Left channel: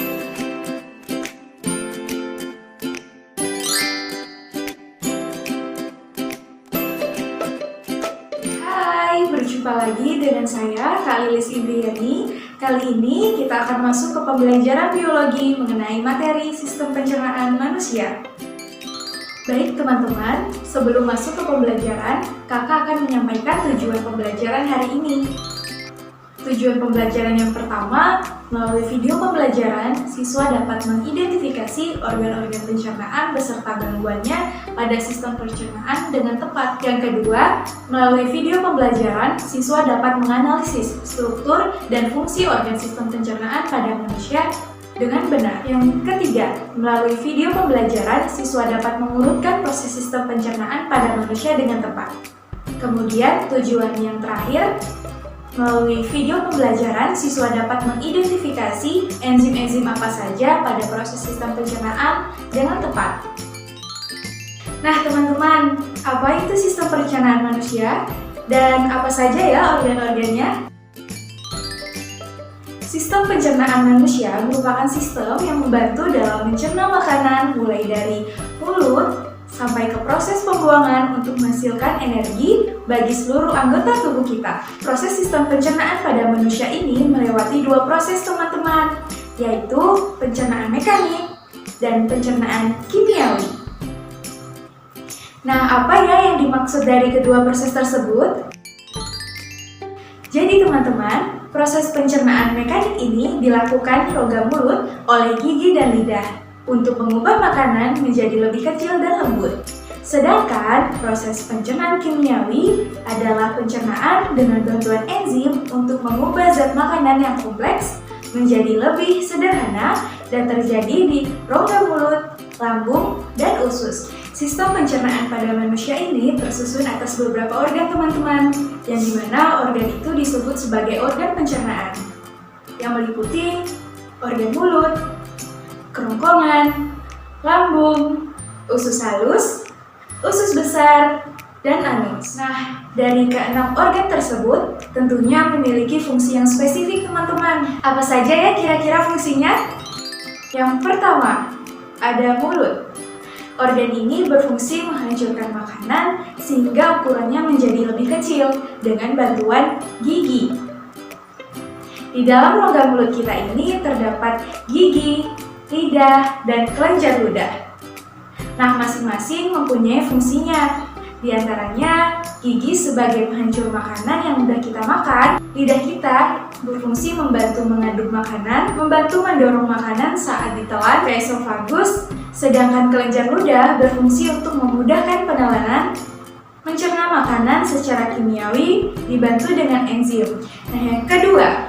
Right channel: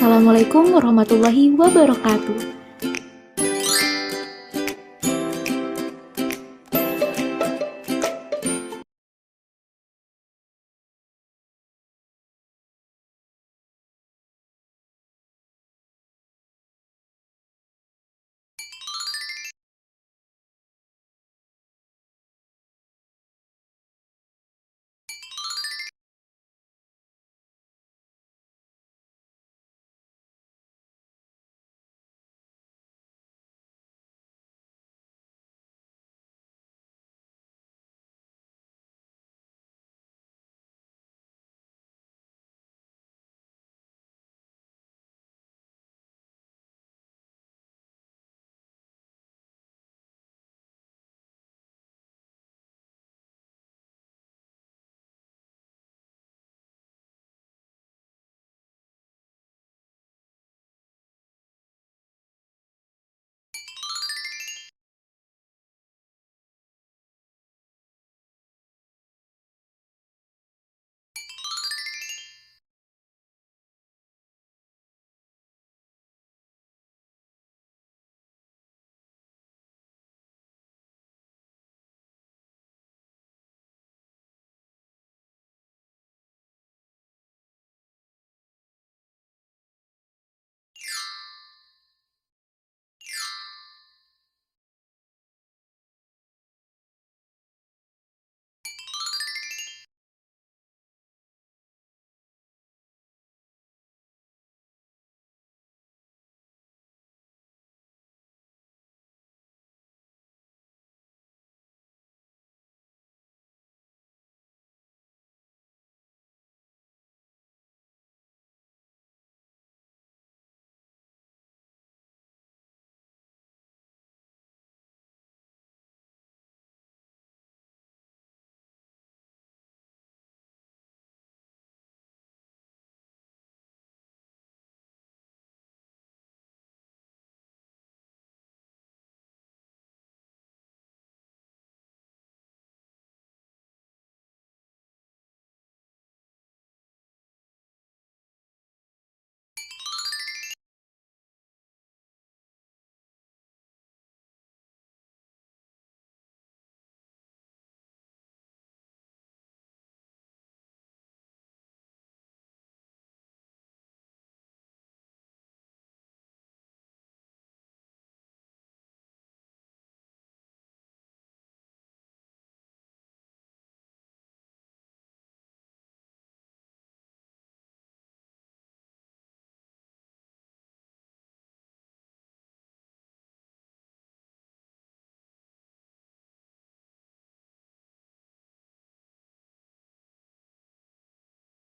Wassalamualaikum warahmatullahi wabarakatuh. Hai, berjumpa lagi dengan saya, Kak Lilis Indriani. Kali ini kita akan masuk ke pembelajaran biologi mengenai materi sistem pencernaan manusia. Baik teman-teman, sebelum masuk ke pembelajaran, kakak akan menyampaikan tujuan pembelajaran hari ini. Tujuan pembelajaran yang pertama, melalui video pembelajaran, siswa dapat mengidentifikasi organ-organ pencernaan beserta gangguannya pada sistem pencernaan dengan tepat. Yang kedua, melalui video pembelajaran, siswa dapat menganalisis struktur dan fungsi organ sistem pencernaan pada manusia dengan benar. Yang ketiga, melalui video pembelajaran, siswa dapat mengurutkan proses sistem pencernaan pada manusia dengan tepat. Kemudian, tujuan yang terakhir, melalui video pembelajaran, siswa dapat mengidentifikasi enzim-enzim apa saja pada proses sistem pencernaan dengan tepat. Nah teman-teman, apa itu sistem pencernaan manusia? Dan apa saja ya organ-organnya? Sistem pencernaan manusia merupakan sistem yang membantu dalam mencerna makanan mulai dari mulut sampai ke proses pembuangan untuk menghasilkan energi bagi seluruh anggota tubuh kita. Proses sistem pencernaan pada manusia ini melewati dua proses teman-teman, yaitu pencernaan mekanik dan pencernaan kimiawi. Nah, apa ya yang dimaksud dari kedua proses tersebut? Jadi teman-teman, proses pencernaan mekanik ini dilakukan rongga mulut oleh gigi dan lidah untuk mengubah makanan menjadi lebih kecil dan lembut. Sedangkan proses pencernaan kimiawi adalah pencernaan dengan bantuan enzim untuk mengubah zat makanan yang kompleks menjadi lebih sederhana dan terjadi di rongga mulut, lambung, dan usus. Sistem pencernaan pada manusia ini tersusun atas beberapa organ teman-teman, yang dimana organ itu disebut sebagai organ pencernaan, yang meliputi organ mulut, kerongkongan, lambung, usus halus, usus besar, dan anus. Nah, dari keenam organ tersebut tentunya memiliki fungsi yang spesifik teman-teman. Apa saja ya kira-kira fungsinya? Yang pertama, ada mulut. Organ ini berfungsi menghancurkan makanan sehingga ukurannya menjadi lebih kecil dengan bantuan gigi. Di dalam rongga mulut kita ini terdapat gigi, lidah, dan kelenjar ludah. Nah, masing-masing mempunyai fungsinya. Di antaranya, gigi sebagai penghancur makanan yang mudah kita makan, lidah kita berfungsi membantu mengaduk makanan, membantu mendorong makanan saat ditelan ke esofagus, sedangkan kelenjar ludah berfungsi untuk memudahkan penelanan, mencerna makanan secara kimiawi, dibantu dengan enzim. Nah, yang kedua,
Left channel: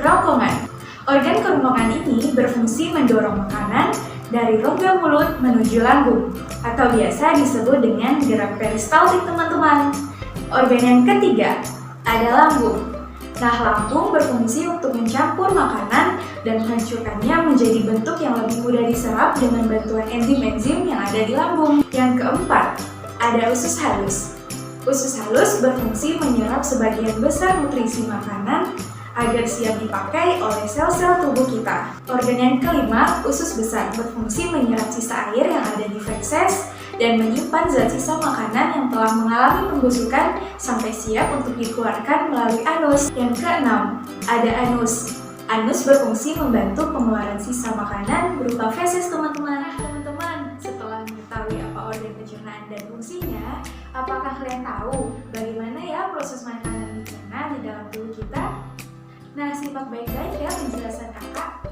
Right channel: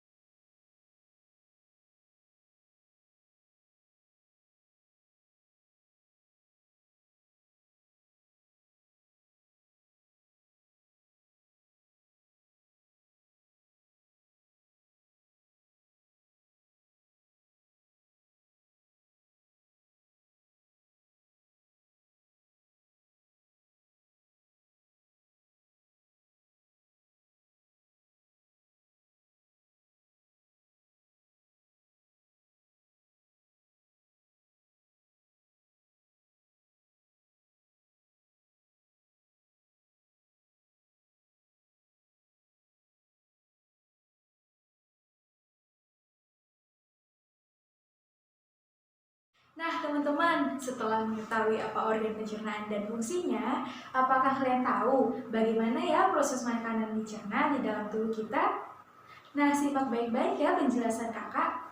kerongkongan. Organ kerongkongan ini berfungsi mendorong makanan dari rongga mulut menuju lambung, atau biasa disebut dengan gerak peristaltik teman-teman. Organ yang ketiga ada lambung. Nah, lambung berfungsi untuk mencampur makanan dan menghancurkannya menjadi bentuk yang lebih mudah diserap dengan bantuan enzim-enzim yang ada di lambung. Yang keempat ada usus halus. Usus halus berfungsi menyerap sebagian besar nutrisi makanan agar siap dipakai oleh sel-sel tubuh kita. Organ yang kelima, usus besar, berfungsi menyerap sisa air yang ada di feses dan menyimpan zat sisa makanan yang telah mengalami pembusukan sampai siap untuk dikeluarkan melalui anus. Yang keenam, ada anus. Anus berfungsi membantu pengeluaran sisa makanan berupa feses teman-teman. Nah teman-teman, setelah mengetahui apa organ pencernaan dan fungsinya, apakah kalian tahu bagaimana ya proses makanan dicerna di dalam tubuh kita? Nah, simak baik-baik ya penjelasan kakak.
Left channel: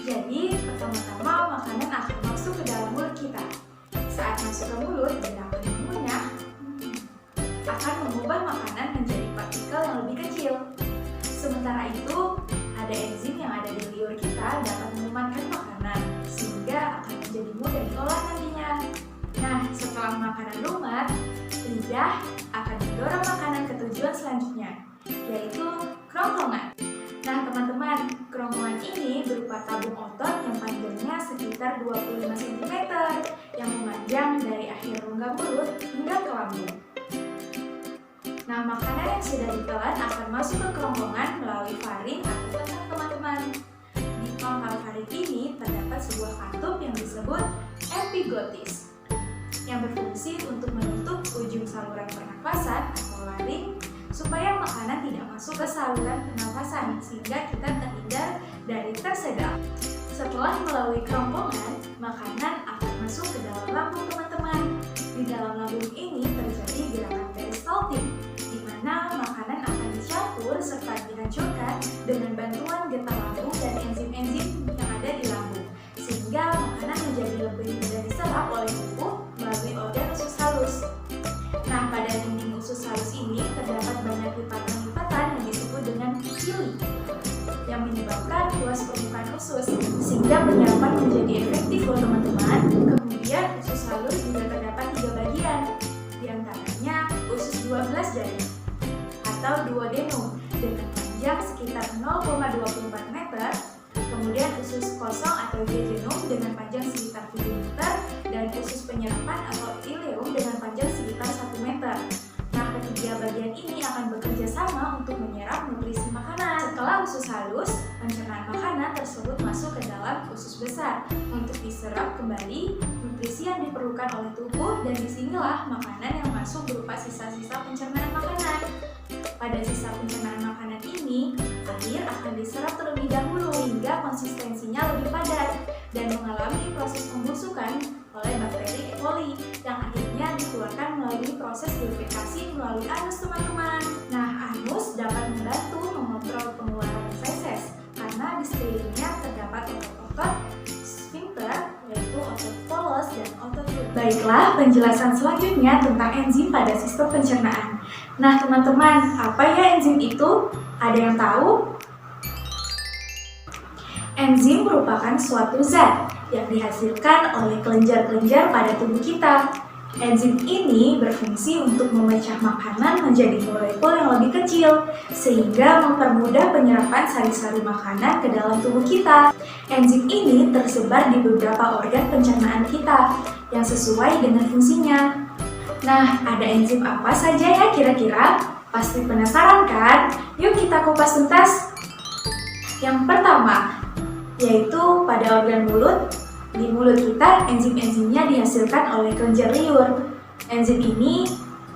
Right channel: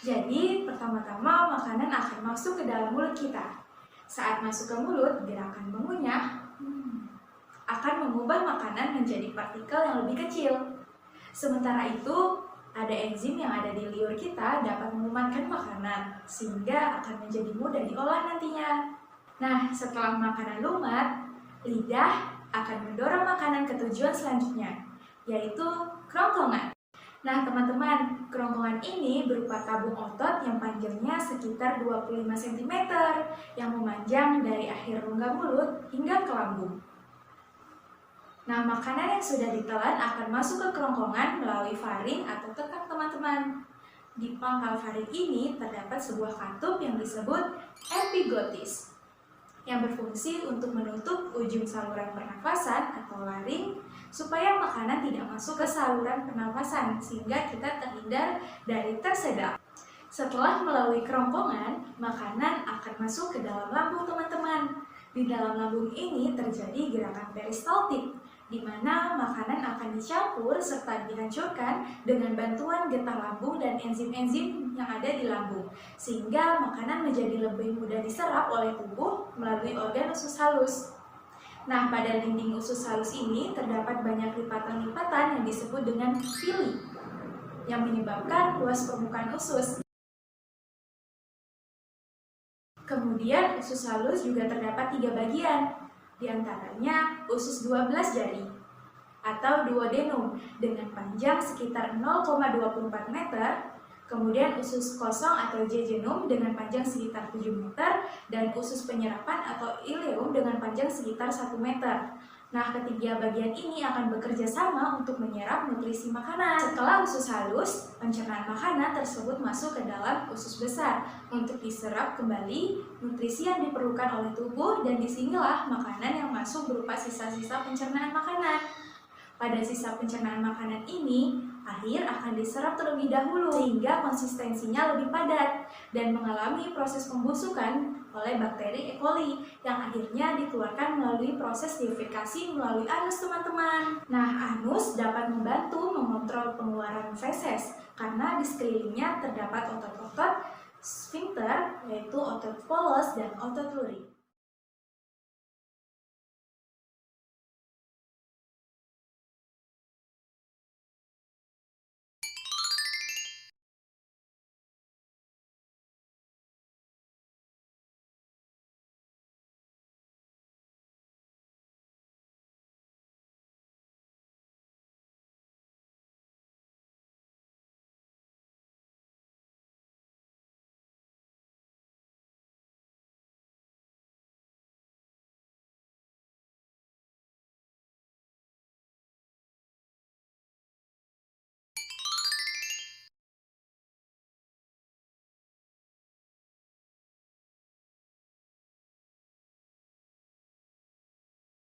Jadi, pertama-tama makanan akan masuk ke dalam mulut kita. Saat masuk ke mulut, dia akan mengunyah, akan mengubah makanan menjadi partikel yang lebih kecil. Sementara itu, ada enzim yang ada di liur kita dapat melumatkan makanan, sehingga akan menjadi mudah diolah nantinya. Nah, setelah makanan lumat, lidah akan mendorong makanan ke tujuan selanjutnya, yaitu kerongkongan. Nah teman-teman, kerongkongan ini berupa tabung otot yang panjangnya sekitar 25 cm yang memanjang dari akhir rongga mulut hingga ke lambung. Nah, makanan yang sudah ditelan akan masuk ke kerongkongan melalui faring atau tetang teman-teman. Di kromosom alfa-ring ini terdapat sebuah katup yang disebut epiglotis yang berfungsi untuk menutup ujung saluran pernafasan atau laring supaya makanan tidak masuk ke saluran pernafasan sehingga kita terhindar dari tersedak. Setelah melalui kerongkongan, makanan akan masuk ke dalam lambung teman-teman. Di dalam lambung ini terjadi gerakan peristaltik, di mana makanan akan dicampur serta dihancurkan dengan bantuan getah lambung dan enzim-enzim yang ada di lambung, sehingga makanan menjadi lebih mudah diserap oleh tubuh melalui organ usus halus. Nah, pada dinding usus halus ini terdapat banyak lipatan-lipatan yang disebut dengan pili yang menyebabkan luas permukaan usus sehingga penyerapan menjadi efektif loh teman-teman. Kemudian usus halus juga terdapat 3 bagian, diantaranya usus 12 jari atau duodenum dengan panjang sekitar 0,24 meter, kemudian usus kosong atau jejunum dengan panjang sekitar 7 meter, dan usus penyerapan atau ileum dengan panjang sekitar 1 meter. Nah, ketiga bagian ini akan bekerja sama untuk menyerap nutrisi makanan. Setelah usus halus, pencernaan makanan tersebut masuk ke dalam usus besar untuk diserap kembali nutrisi yang diperlukan oleh tubuh, dan disinilah makanan yang masuk berupa sisa-sisa pencernaan makanan. Pada sisa pencernaan makanan ini, air akan diserap terlebih dahulu sehingga konsistensinya lebih padat dan mengalami proses pembusukan oleh bakteri E. coli yang akhirnya dikeluarkan melalui proses difekasi melalui anus teman-teman. Nah, anus dapat membantu mengontrol pengeluaran feses karena di sekelilingnya terdapat otot-otot sphincter, yaitu otot polos dan otot mulut. Baiklah, penjelasan selanjutnya tentang enzim pada sistem pencernaan. Nah, teman-teman, apa ya enzim itu? Ada yang tahu? Enzim merupakan suatu zat yang dihasilkan oleh kelenjar-kelenjar pada tubuh kita. Enzim ini berfungsi untuk memecah makanan menjadi molekul yang lebih kecil, sehingga mempermudah penyerapan sari-sari makanan ke dalam tubuh kita. Enzim ini tersebar di beberapa organ pencernaan kita, yang sesuai dengan fungsinya. Nah, ada enzim apa saja ya kira-kira? Pasti penasaran kan? Yuk kita kupas tuntas. Yang pertama, yaitu pada organ mulut. Di mulut kita, enzim-enzimnya dihasilkan oleh kelenjar liur. Enzim ini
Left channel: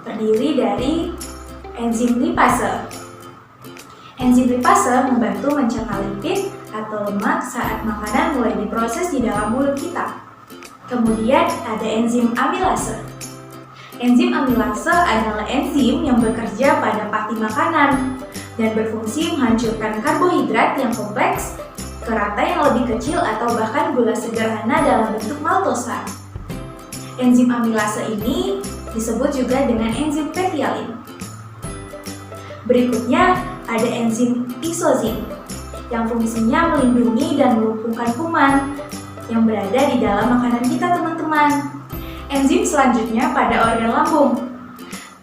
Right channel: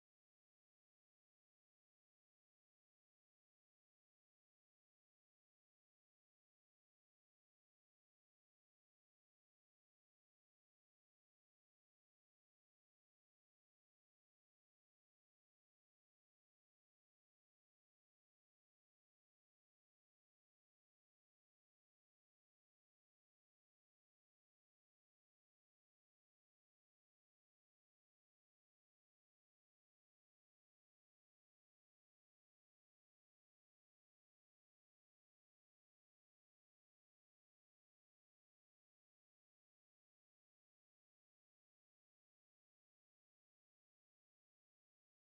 terdiri dari enzim lipase. Enzim lipase membantu mencerna lipid atau lemak saat makanan mulai diproses di dalam mulut kita. Kemudian ada enzim amilase. Enzim amilase adalah enzim yang bekerja pada pati makanan dan berfungsi menghancurkan karbohidrat yang kompleks ke rantai yang lebih kecil atau bahkan gula sederhana dalam bentuk maltosa. Enzim amilase ini disebut juga dengan enzim petialin. Berikutnya ada enzim isozim yang fungsinya melindungi dan melumpuhkan kuman yang berada di dalam makanan kita, teman-teman. Enzim selanjutnya pada organ lambung.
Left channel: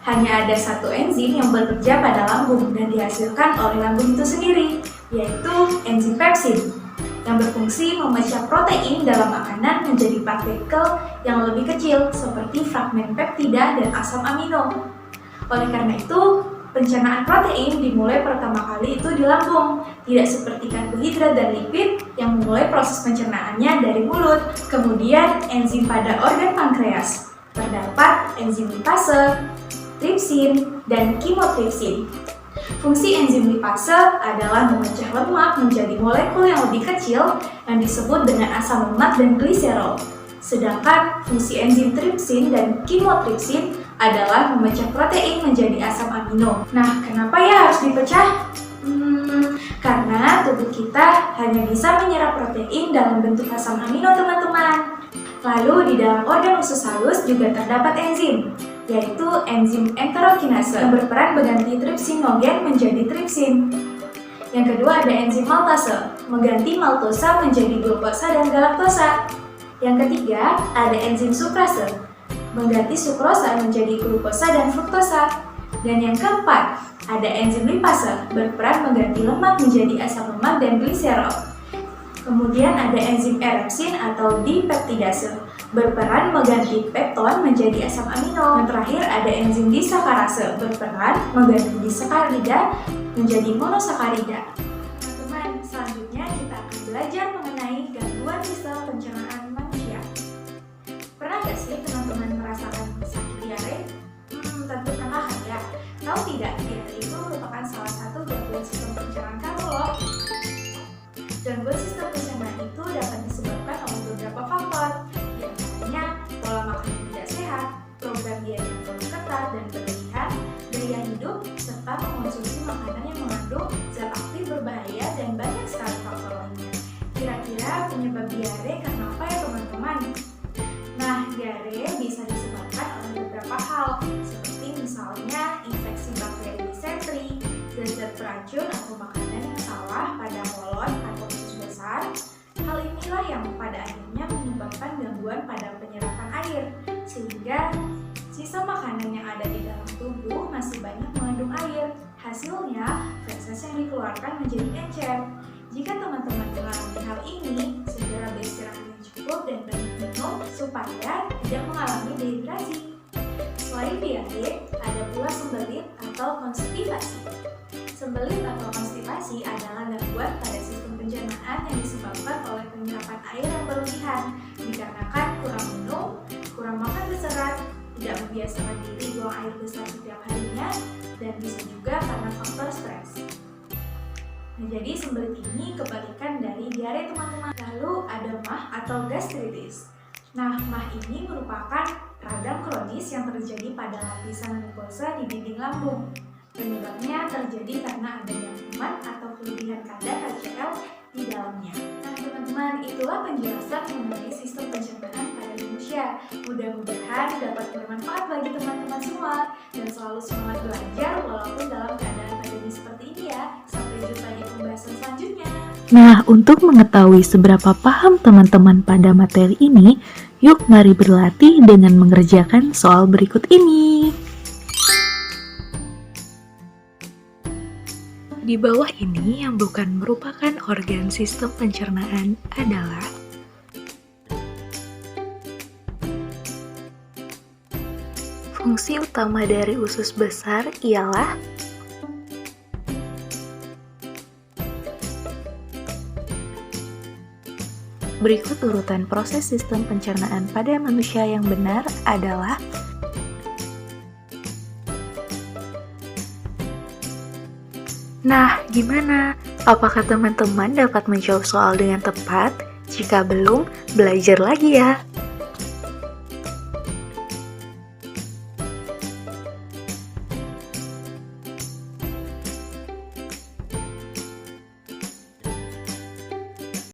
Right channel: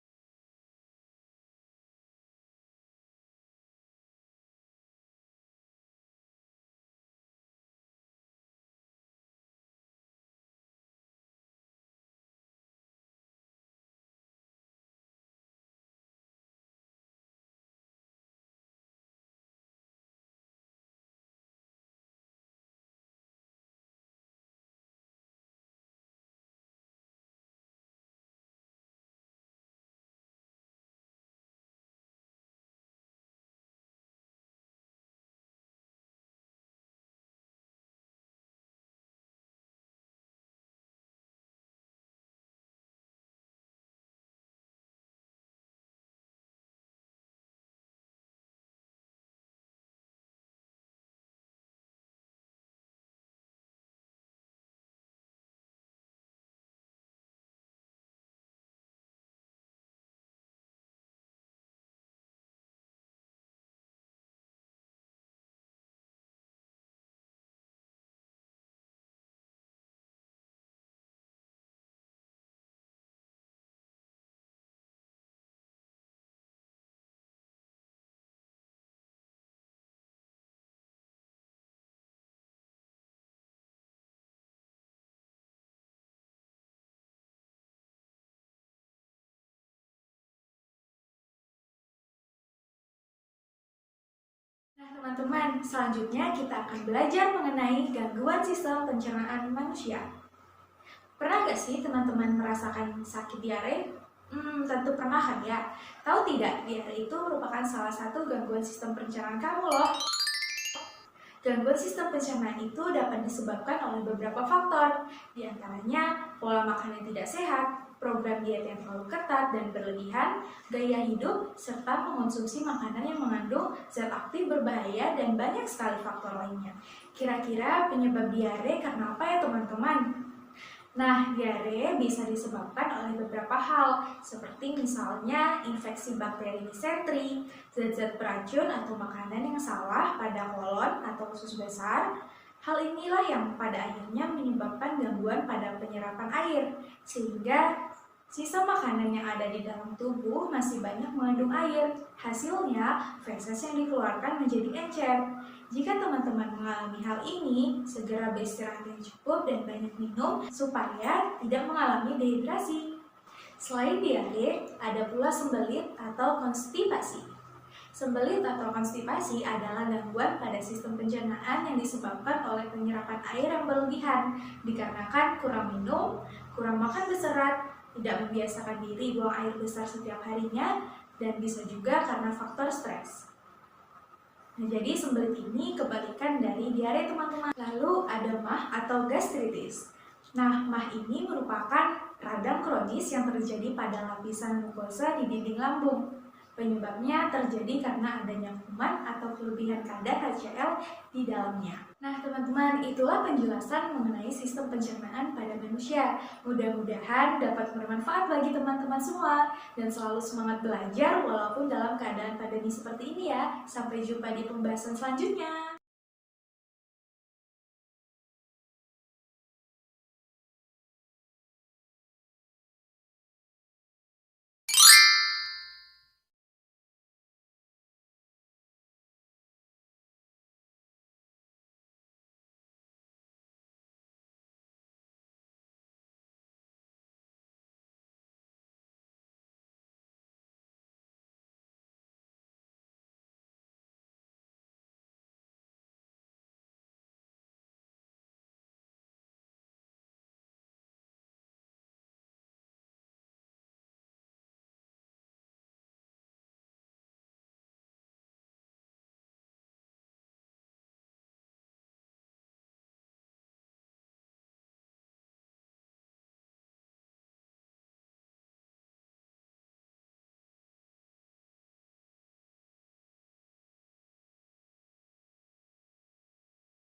Hanya ada satu enzim yang bekerja pada lambung dan dihasilkan oleh lambung itu sendiri, yaitu enzim pepsin yang berfungsi memecah protein dalam makanan menjadi partikel yang lebih kecil seperti fragmen peptida dan asam amino. Oleh karena itu, pencernaan protein dimulai pertama kali itu di lambung, tidak seperti karbohidrat dan lipid yang memulai proses pencernaannya dari mulut. Kemudian enzim pada organ pankreas. Terdapat enzim lipase, tripsin, dan kimotripsin. Fungsi enzim lipase adalah memecah lemak menjadi molekul yang lebih kecil yang disebut dengan asam lemak dan gliserol. Sedangkan fungsi enzim tripsin dan kimotripsin adalah memecah protein menjadi asam amino. Nah, kenapa ya harus dipecah? Karena tubuh kita hanya bisa menyerap protein dalam bentuk asam amino, teman-teman. Lalu di dalam organ usus halus juga terdapat enzim, yaitu enzim enterokinase yang berperan mengganti tripsinogen menjadi tripsin. Yang kedua ada enzim maltase, mengganti maltosa menjadi glukosa dan galaktosa. Yang ketiga ada enzim sukrase, mengganti sukrosa menjadi glukosa dan fruktosa. Dan yang keempat ada enzim lipase, berperan mengganti lemak menjadi asam lemak dan gliserol. Kemudian ada enzim erepsin atau dipeptidase, berperan mengganti pepton menjadi asam amino. Dan terakhir ada enzim disakarase, berperan mengganti disakarida menjadi monosakarida. Teman-teman, teman-teman, selanjutnya kita akan belajar mengenai gangguan sistem pencernaan manusia. Pernah gak sih teman-teman merasakan sakit diare? Tentu pernah kan ya? Tahu tidak, diare itu merupakan salah satu gangguan sistem pencernaan kamu loh. Gangguan sistem pencernaan itu dapat disebabkan oleh beberapa faktor, di antaranya pola makan yang tidak sehat, program diet yang terlalu ketat dan berlebihan, gaya hidup, serta mengonsumsi makanan yang mengandung zat aktif berbahaya dan banyak sekali faktor lainnya. Kira-kira penyebab diare karena apa ya teman-teman? Nah, diare bisa disebabkan oleh beberapa hal, seperti misalnya infeksi bakteri disentri, zat-zat beracun atau makanan yang salah pada kolon atau usus besar. Hal inilah yang pada akhirnya menyebabkan gangguan pada penyerapan air, sehingga sisa makanan yang ada di dalam tubuh masih banyak mengandung air. Hasilnya, feses yang dikeluarkan menjadi encer. Jika teman-teman mengalami hal ini, segera beristirahat yang cukup dan banyak minum supaya tidak mengalami dehidrasi. Selain diare, ada pula sembelit atau konstipasi. Sembelit atau konstipasi adalah gangguan pada sistem pencernaan yang disebabkan oleh penyerapan air yang berlebihan dikarenakan kurang minum, kurang makan berserat, tidak membiasakan diri buang air besar setiap harinya, dan bisa juga karena faktor stres. Nah, jadi sembelit ini kebalikan dari diare teman-teman. Lalu ada MAH atau gastritis. Nah, MAH ini merupakan radang kronis yang terjadi pada lapisan mukosa di dinding lambung. Penyebabnya terjadi karena adanya kuman atau kelebihan kadar HCl di dalamnya. Nah teman-teman, itulah penjelasan mengenai sistem pencernaan pada manusia. Mudah-mudahan dapat bermanfaat bagi teman-teman semua. Dan selalu semangat belajar walaupun dalam keadaan pandemi seperti ini ya. Sampai jumpa di pembahasan selanjutnya. Nah, untuk mengetahui seberapa paham teman-teman pada materi ini, yuk mari berlatih dengan mengerjakan soal berikut ini. Di bawah ini yang bukan merupakan organ sistem pencernaan adalah fungsi utama dari usus besar ialah berikut urutan proses sistem pencernaan pada manusia yang benar adalah Nah, gimana? Apakah teman-teman dapat menjawab soal dengan tepat? Jika belum, belajar lagi ya.